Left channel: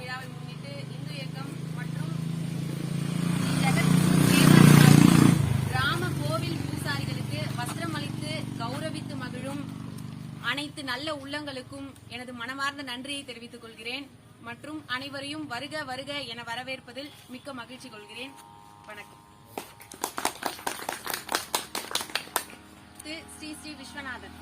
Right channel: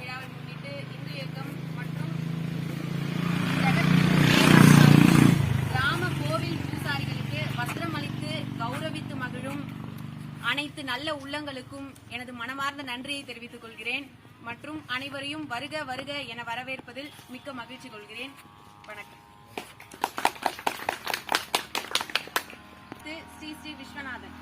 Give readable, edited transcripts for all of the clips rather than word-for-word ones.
விழாவை முன்னிட்டு இந்து இயக்கம் மற்றும் கிராம கோவில் பூசாரிகளுக்கு வஸ்திரம் அளித்து கௌரவித்து மகிழும் அனைத்து நல்ல உள்ளங்களுக்கும் எனது மனமார்ந்த நன்றியை தெரிவித்துக் கொள்கிறேன் மற்றும் அனைவரையும் வருக வருக என வரவேற்பதில் மிக்க மகிழ்ச்சி கொள்கிறேன். வணக்கம். ஸ்ரீ ஸ்ரீ விஸ்வநாதன்.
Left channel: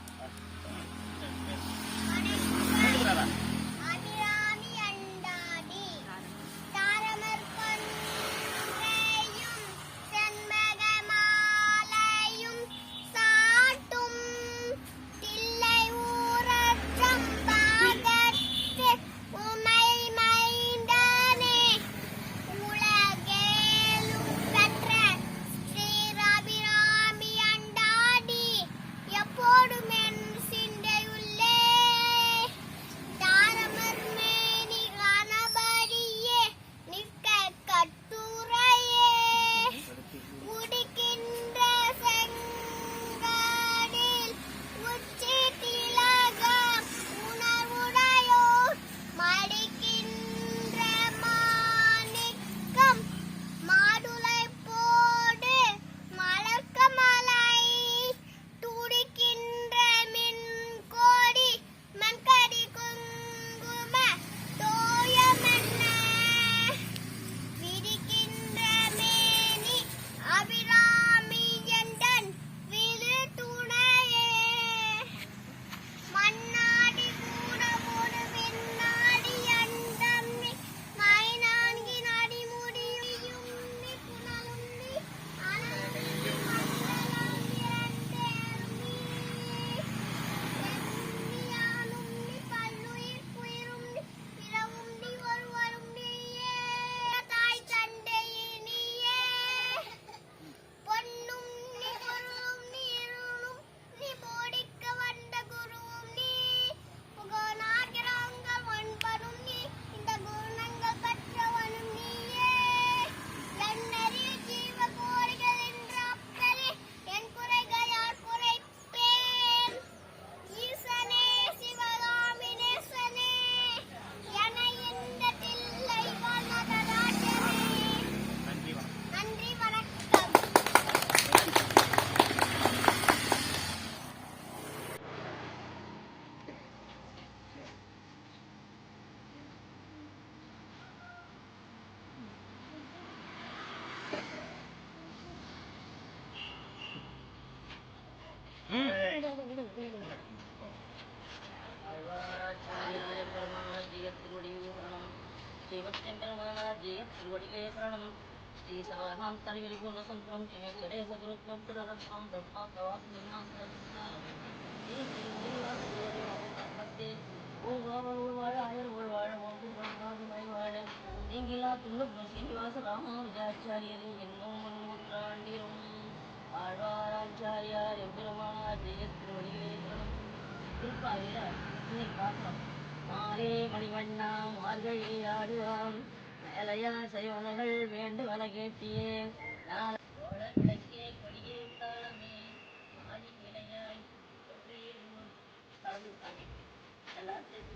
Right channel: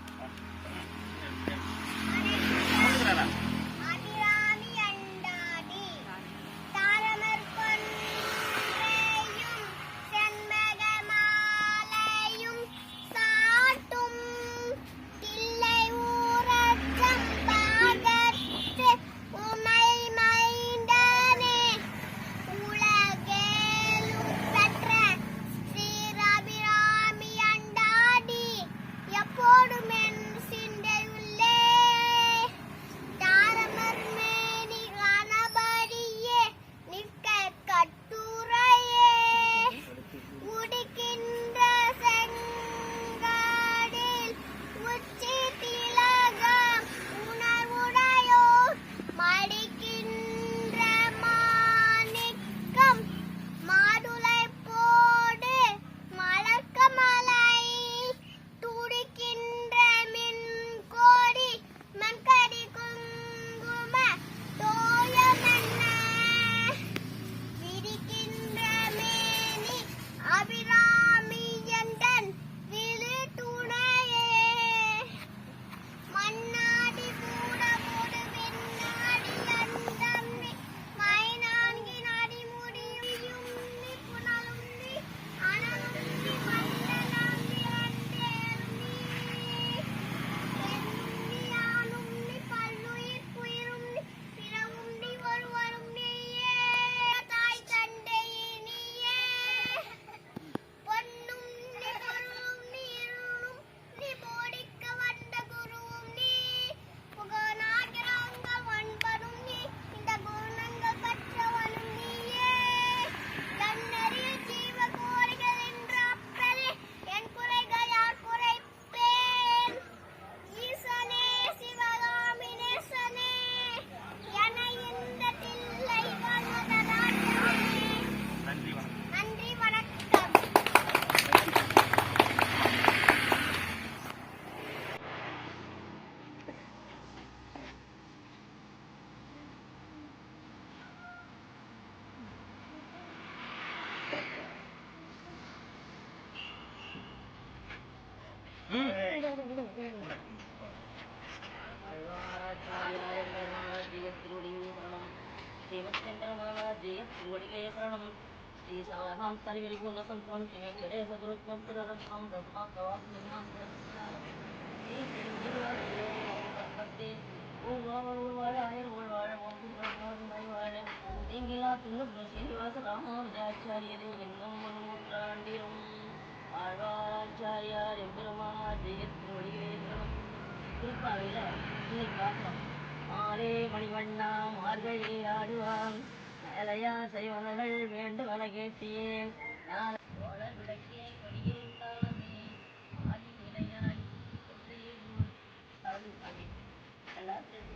நீங்களா துன்புறும் சீனிவாச ராமானுஜாச்சாரியரே என்னும் நூற்றாண்டிலும் ஆழ்வாராச்சாரியார் எம்பெருமானார் ஜெயத்தின் வழிகளே சரணம். திருப்பாவையில இன்னைக்கு பார்க்கிறோம். மாலே மணிவண்ணா மார்கழி ஆடுவான் மேலையா செய்வனர்கள் வேண்டுவன கேட்டியே விளக்கே கொடியே காலமே ஆடி விளையாடி எல்லாத்தையும்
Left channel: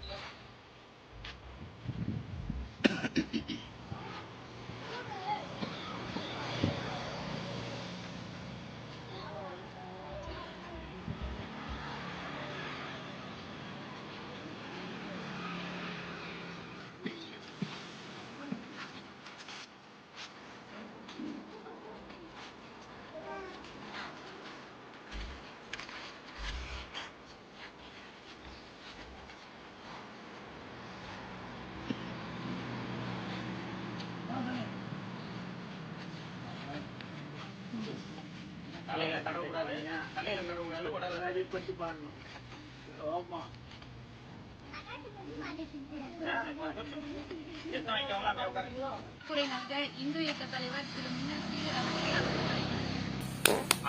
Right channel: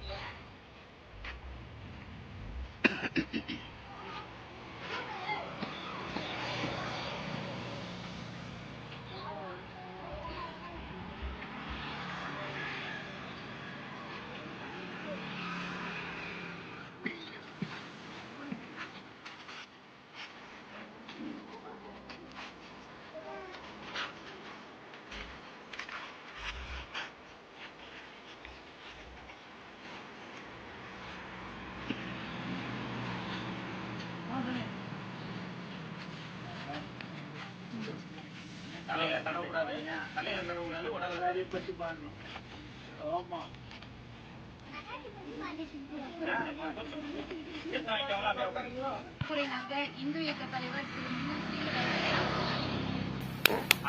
இந்து இயக்க தலைவர் திரு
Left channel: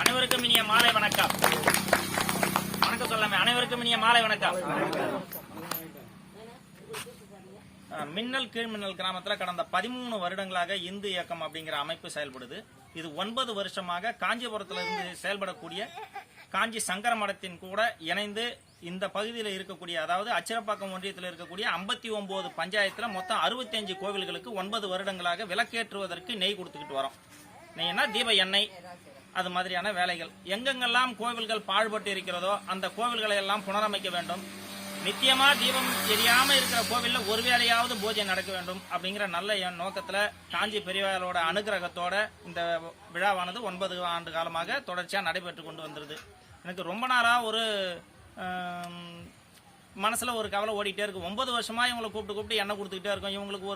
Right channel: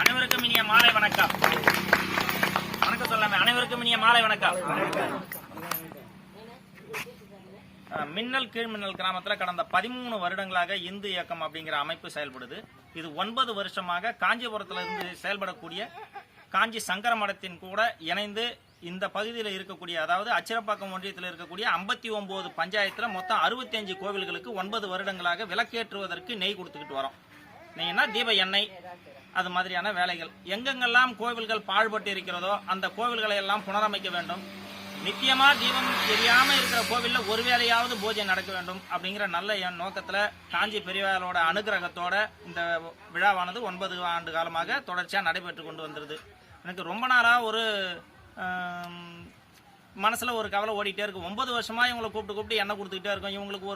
அனைவருக்கும் இனிய மாலை வணக்கம். வணக்கம் சொல்லாம அனைவருக்கும் இனிய மாலை வணக்கம். மின்னல் கீழ்மின்னல் கிராமத்தில் கடந்த 13 வருடங்களாக இந்து இயக்கம் அப்படிங்கிற அமைப்பு செயல்படுது. இது 9 வருஷமாக காஞ்சிபுரத்திலிருந்து செயல்படக்கூடிய காஞ்சி சங்கர மடத்தின் கூட இணைந்து இந்த பகுதியில் இருக்கக்கூடிய, அதாவது அச்சிரப்பாக்கம் ஒன்றியத்தில் இருக்கக்கூடிய 59 பஞ்சாயத்துல மொத்தம் 65 கோவில்களுக்கு 9 வருடங்களாக விளக்கேற்றுவதற்கு நெய் கொடுத்துக்கிட்டு வரோம். நெய்னா தீப எண்ணெய், அது மாதிரியான வேலைகள். எங்கெங்கெல்லாம் கோவில்கள் பாழ்பட்டு இருக்கிறதோ அந்த கோவில்களை எல்லாம் புனரமைக்க வேண்டும். நித்தியமா தீபம் எரியாம இருக்கிற கோவில்ல ஒரு வேளையாவது பூஜை நடக்க வேண்டும் அப்படிங்கிற நல்ல என் நோக்கத்துல காஞ்சி பெரியவர்களோட அனுகிரகத்தோட இந்த விழாவானது 9 ஆண்டு காலமாக தொடர்ச்சியா நடைபெற்று கொண்டு வந்திருது. எனக்கு ரொம்ப நாளா ஒரு மனசுல ஒரு கவலை ஓடிட்டே இருக்கு. 9 வருஷமா இவங்களை கூப்பிட்டு எண்ணெய் கொடுத்துக்கிட்டே இருக்கும். இவங்களுக்கு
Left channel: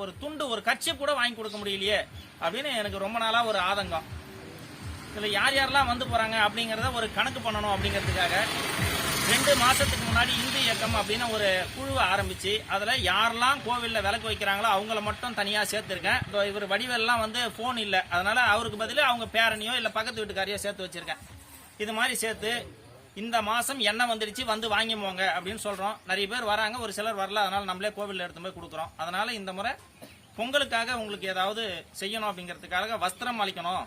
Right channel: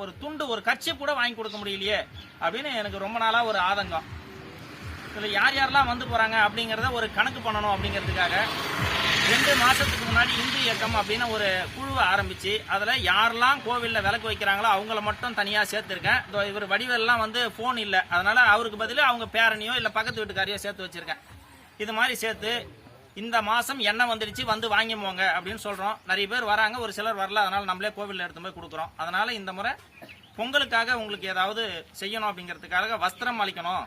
ஒரு துண்டு, ஒரு கட்சி கூட வாங்கி கொடுக்க முடியலையே அப்படின்னு எனக்கு ரொம்ப நாளா ஒரு ஆதங்கம். இது யார் யாரெல்லாம் வந்து போறாங்க அப்படிங்கறத ஒரு கணக்கு பண்ணணும் அப்படிங்கிறதுக்காக 2 மாசத்துக்கு முன்னாடி இந்து இயக்கம் அப்படின்னு ஒரு குழுவை ஆரம்பிச்சு அதுல யாரெல்லாம் கோவில்ல விளக்கு வைக்கிறாங்களோ அவங்கள மட்டும் தனியா சேர்த்திருக்கேன். இவர் வடிவெல்லாம் வந்து போன் இல்ல, அதனால அவருக்கு பதிலா அவங்க பேரனையோ இல்ல பக்கத்து வீட்டுக்காரையோ சேர்த்து வச்சிருக்கேன். இது மாதிரி சேர்த்து இந்த மாசம் எண்ணெய் வந்துருச்சு, வந்து வாங்கி போங்க அப்படின்னு சொல்றோம். நிறைய பேர் வராங்க, ஒரு சிலர் வரல, அதனால நம்மளே கோவில்ல எடுத்து போய் கொடுக்குறோம். அதனால இந்த முறை பொங்கலுக்காக உங்களுக்கு ஏதாவது செய்யணும் அப்படிங்கிறதுக்காக வஸ்திரம் அளிக்கணும்,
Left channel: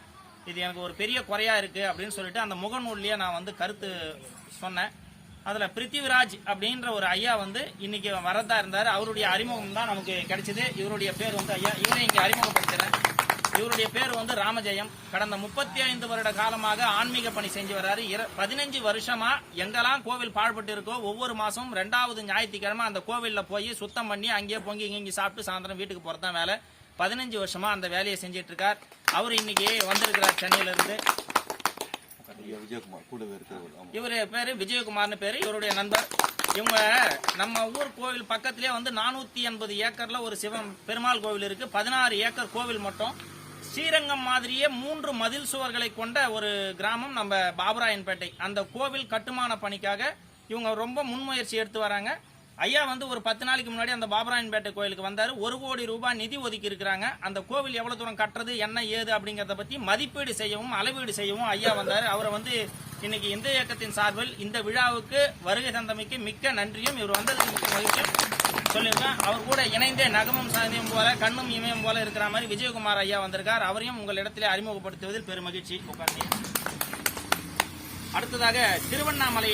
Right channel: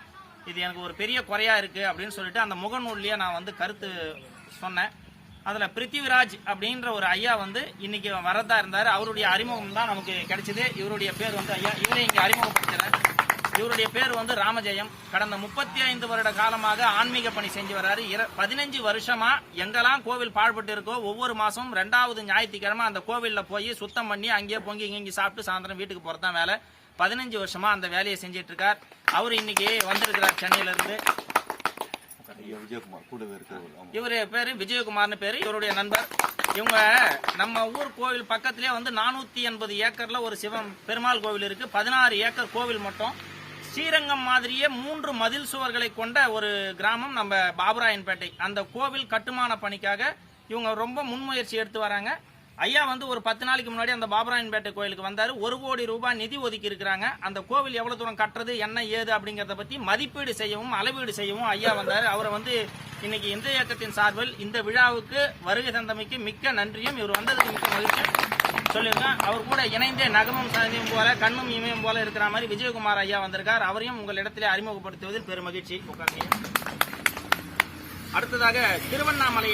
இது எனக்கு ஒரு பெரிய குறையா இருக்கு அப்படின்னு சொல்லிட்டு அந்த முகநூல்லையே நான் வந்து கருத்து சொன்னேன். அதுல பிருத்திவிராஜ் அப்படின்ற ஒரு ஐயா வந்து இன்னைக்கு வரதா இருந்தாரு. அவருடைய அறிமுகம் தான் நமக்கு கிடைச்சது. இவருடைய பேர் வந்து ஐயா, இவரை இங்க அறிமுகப்படுத்துறேன். இவருடைய பேர் வந்து ராமஜெயம். கடந்த 35 வருட காலமாக ஆன்மீக பணி செஞ்சு வர்றாரு. 15 வருஷமா எங்கெல்லாம் கோவில் பாழ்பட்டு இருக்கோ ஒவ்வொரு மாசம் 2வது ஞாயிற்றுக்கிழமை அந்த கோவில்ல போய் சுத்தம் பண்ணி அங்கேயே பொங்கி இங்கி சாப்பிட்டு சாயந்தரம் வீட்டுக்கு போறதான் வேலை. 15 வருஷமா அந்த வேலையை செஞ்சிட்டு இருக்கார். அவர் இன்னைக்கு வந்திருக்கிறார் சென்னையில இருந்து. இவரு பேரு விஜயகுமார்னு பேரு, இவருடைய நண்பர். இவங்க நம்ம ஊர் கோவில் பக்கத்திலே வந்து 480 ஏக்கர்ல ஒரு சிவன் பெருமாள் கோவில் இருக்கு. 16 ஏக்கர் கோவில் மட்டும். ஸ்ரீரங்கம் மாதிரியே 3 மதில் சுவர்களை கொண்ட ஒரு கிராமம் நம்ம பாபுராயன்பேட்டை. அந்த கோவில் கட்டுமான பணிக்காக இவங்க ரொம்ப முன்முயற்சி எடுத்து வராங்க. ஐயா வந்து ஒரு 10 நாளைக்கு முன்னாடி அந்த பாபுராயன்பேட்டை கோயிலுக்கு வந்தாரு. 1 கோடி ரூபாய் நிதி ஒதுக்கி இருக்கிறாங்க. அந்த கோவில் எவ்வளவு தூரம் கட்டுறது, என்ன ஏது அப்படிங்கறத பத்தி மதிப்பீடு செய்யவும் அளவீடு செய்யவும் ஐயா வந்தாரு. அவரை வந்து இன்னைக்கு இந்து இயக்கத்தின் சார்பில் இந்த விழாவுக்கு வருகை தந்தமைக்கு மிக்க நன்றியும், இவர் வந்ததுக்கு மிக்க மகிழ்ச்சியும் சொல்லியிருக்கேன். அவர் கூட இணைந்தே நகமும் சாங்கியும் போல கண்ணும் இமயம் போல இருக்கிற மாதிரி விஜயகுமார் ஐயா வந்திருக்கார். அவரையும் உங்களிடத்திலே அறிமுகப்படுத்துவதில் பெரும் மகிழ்ச்சி. அடுத்ததாக திருவண்ணாமலை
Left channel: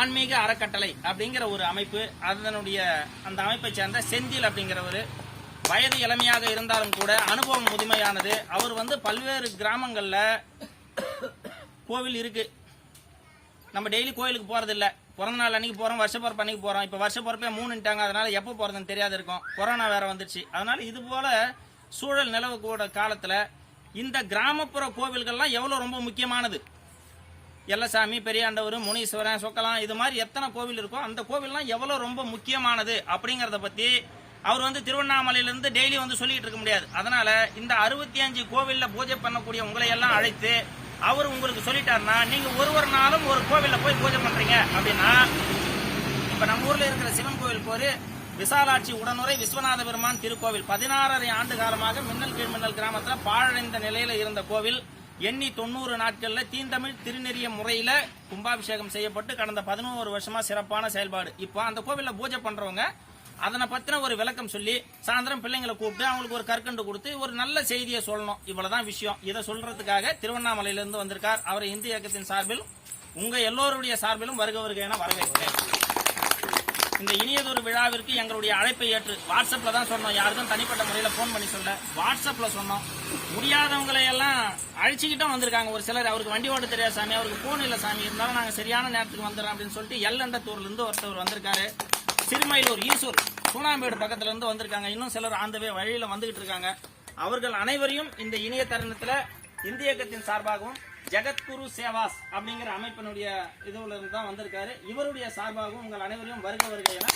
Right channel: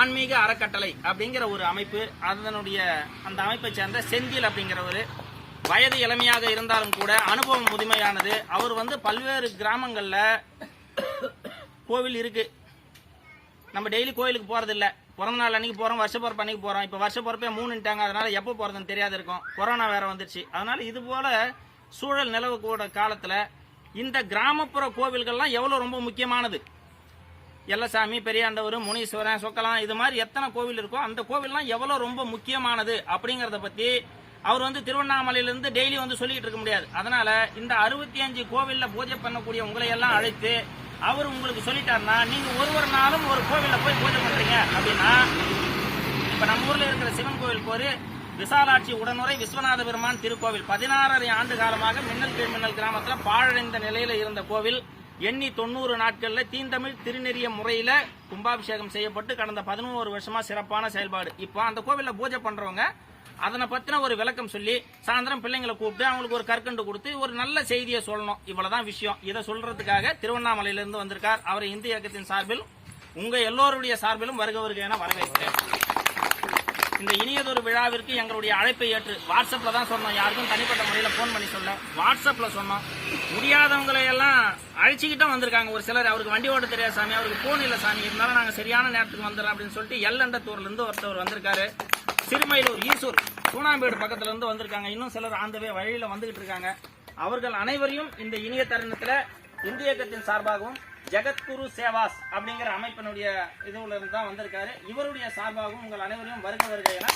ஆன்மீக அறக்கட்டளை அப்படிங்கிற ஒரு அமைப்பு, அதனுடைய அந்த அமைப்பை சேர்ந்த செந்தில் அப்படிங்கிறவரு வயது இளமையாக இருந்தாலும் கூட அனுபவம் முதுமையானது. அவர் வந்து பல்வேறு கிராமங்கள்ல கோவில் இருக்கு, நம்ம டெய்லி கோயிலுக்கு போறது இல்ல. பிறந்த நாள் அன்னைக்கு போறோம், வருஷ பிறப்பு அன்னைக்கு போறோம். இப்ப வருஷ பிறப்பே 3ன்ட்டாங்க, அதனால எப்ப போறதுன்னு தெரியாது இருக்கும். கொரோனா வேற வந்துருச்சு. அதனால இது போல சூழல் நிலவக்கூட காலத்துல இந்த கிராமப்புற கோவில்கள்லாம் எவ்வளவு ரொம்ப முக்கியமானது. எல்லசாமி, பெரியாண்டவர், முனீஸ்வரன், சொக்கலாம், இது மாதிரி எத்தனை கோவில் இருக்கோ அந்த கோவில்லாம் எவ்வளவு ரொம்ப முக்கியமானது அப்படிங்கறத பத்தி அவர் வந்து திருவண்ணாமலையிலிருந்து டெய்லி வந்து சொல்லிட்டு இருக்க முடியாது. அதனால இந்த 65 கோவில்ல பூஜை பண்ணக்கூடிய உங்களை எல்லாம் அழைத்து அவர் உங்களுக்கு சொல்லிட்டாருன்னா, நீங்க ஒரு நாளும் ஒரு கோவில்ல போய் பூஜை பண்றீங்க அப்படின்னா, இப்ப நம்ம ஊர்ல இருக்கிற சிவன் கோவிலுக்கு ஒரு விசாலாட்சி உடனுரை விஸ்வநாத பெருமான் திருக்கோவில் 16 ஆண்டு காலமாக மின்னல் கீழ்மின்னல் கிராமத்துல பாழடைந்த நிலையில இருந்த கோவில் எண்ணி 90 நாட்கள்ல தீந்தமிழ் திருநெறிய முறையில கும்பாபிஷேகம் செய்யப்பட்டு கடந்த 11 வருஷமா சிறப்பான செயல்பாடு. இப்போ அந்த கோவில்ல பூஜை பண்றவங்க அதனை பத்தின ஒரு விளக்கம் சொல்லி சாயந்தரம் பிள்ளைங்களை கூப்பிட்டு அவங்களுக்கு ஒரு கற்கண்டு கொடுத்து ஒரு நல்ல செய்தியை சொல்லணும். இவ்வளவுதான் விஷயம். இதை சொல்றதுக்காக திருவண்ணாமலையிலிருந்து வந்திருக்கார். அவரை இந்து இயக்கத்தின் சார்பில் உங்க எல்லோருடைய சார்பிலும் வருக என வரவேற்கிறேன். இந்த இனியதொரு விழாவிற்கு எங்களுடைய அழைப்பை ஏற்று வாட்ஸ்அப்ல தான் சொன்னோம், யாருக்கும் தனிப்பட்ட முறையில போன் பண்ணி சொல்ல, வாட்ஸ்அப்ல சொன்னோம். முடியாதவங்களை எல்லாம் அழைச்சிக்கிட்டும் வந்திருக்காங்க. ஒரு சிலர் அவருக்கு வண்டி ஓட்ட தெரியாது சாமி, அவருக்கு போன் இல்ல சாமி, இருந்தாலும் நாங்க சரியான நேரத்துக்கு வந்துடலாம் அப்படின்னு சொல்லிட்டு எல்லண்டத்தூர்ல இருந்து ஒருத்தவர் வந்திருக்காரு. சிறுமயிலூர் ஈசூர் சூனாம்பேடு பக்கத்துல இருந்து வந்திருக்காங்க. இன்னும் சிலர் ஆண்டவே வழியில வந்துகிட்டு இருக்காங்க. அவர்கள் அனைவரையும் இந்த இனிய தருணத்துல இந்திய இயக்கத்தின் சார்பாகவும் ஜெகத்குரு சேவாஸ் அப்படிங்கிற அமைப்பினுடைய இதுல இருந்து தான் வந்திருக்காரு. இவருடைய சார்பாகவும் உங்கள் அனைவரையும் வருக என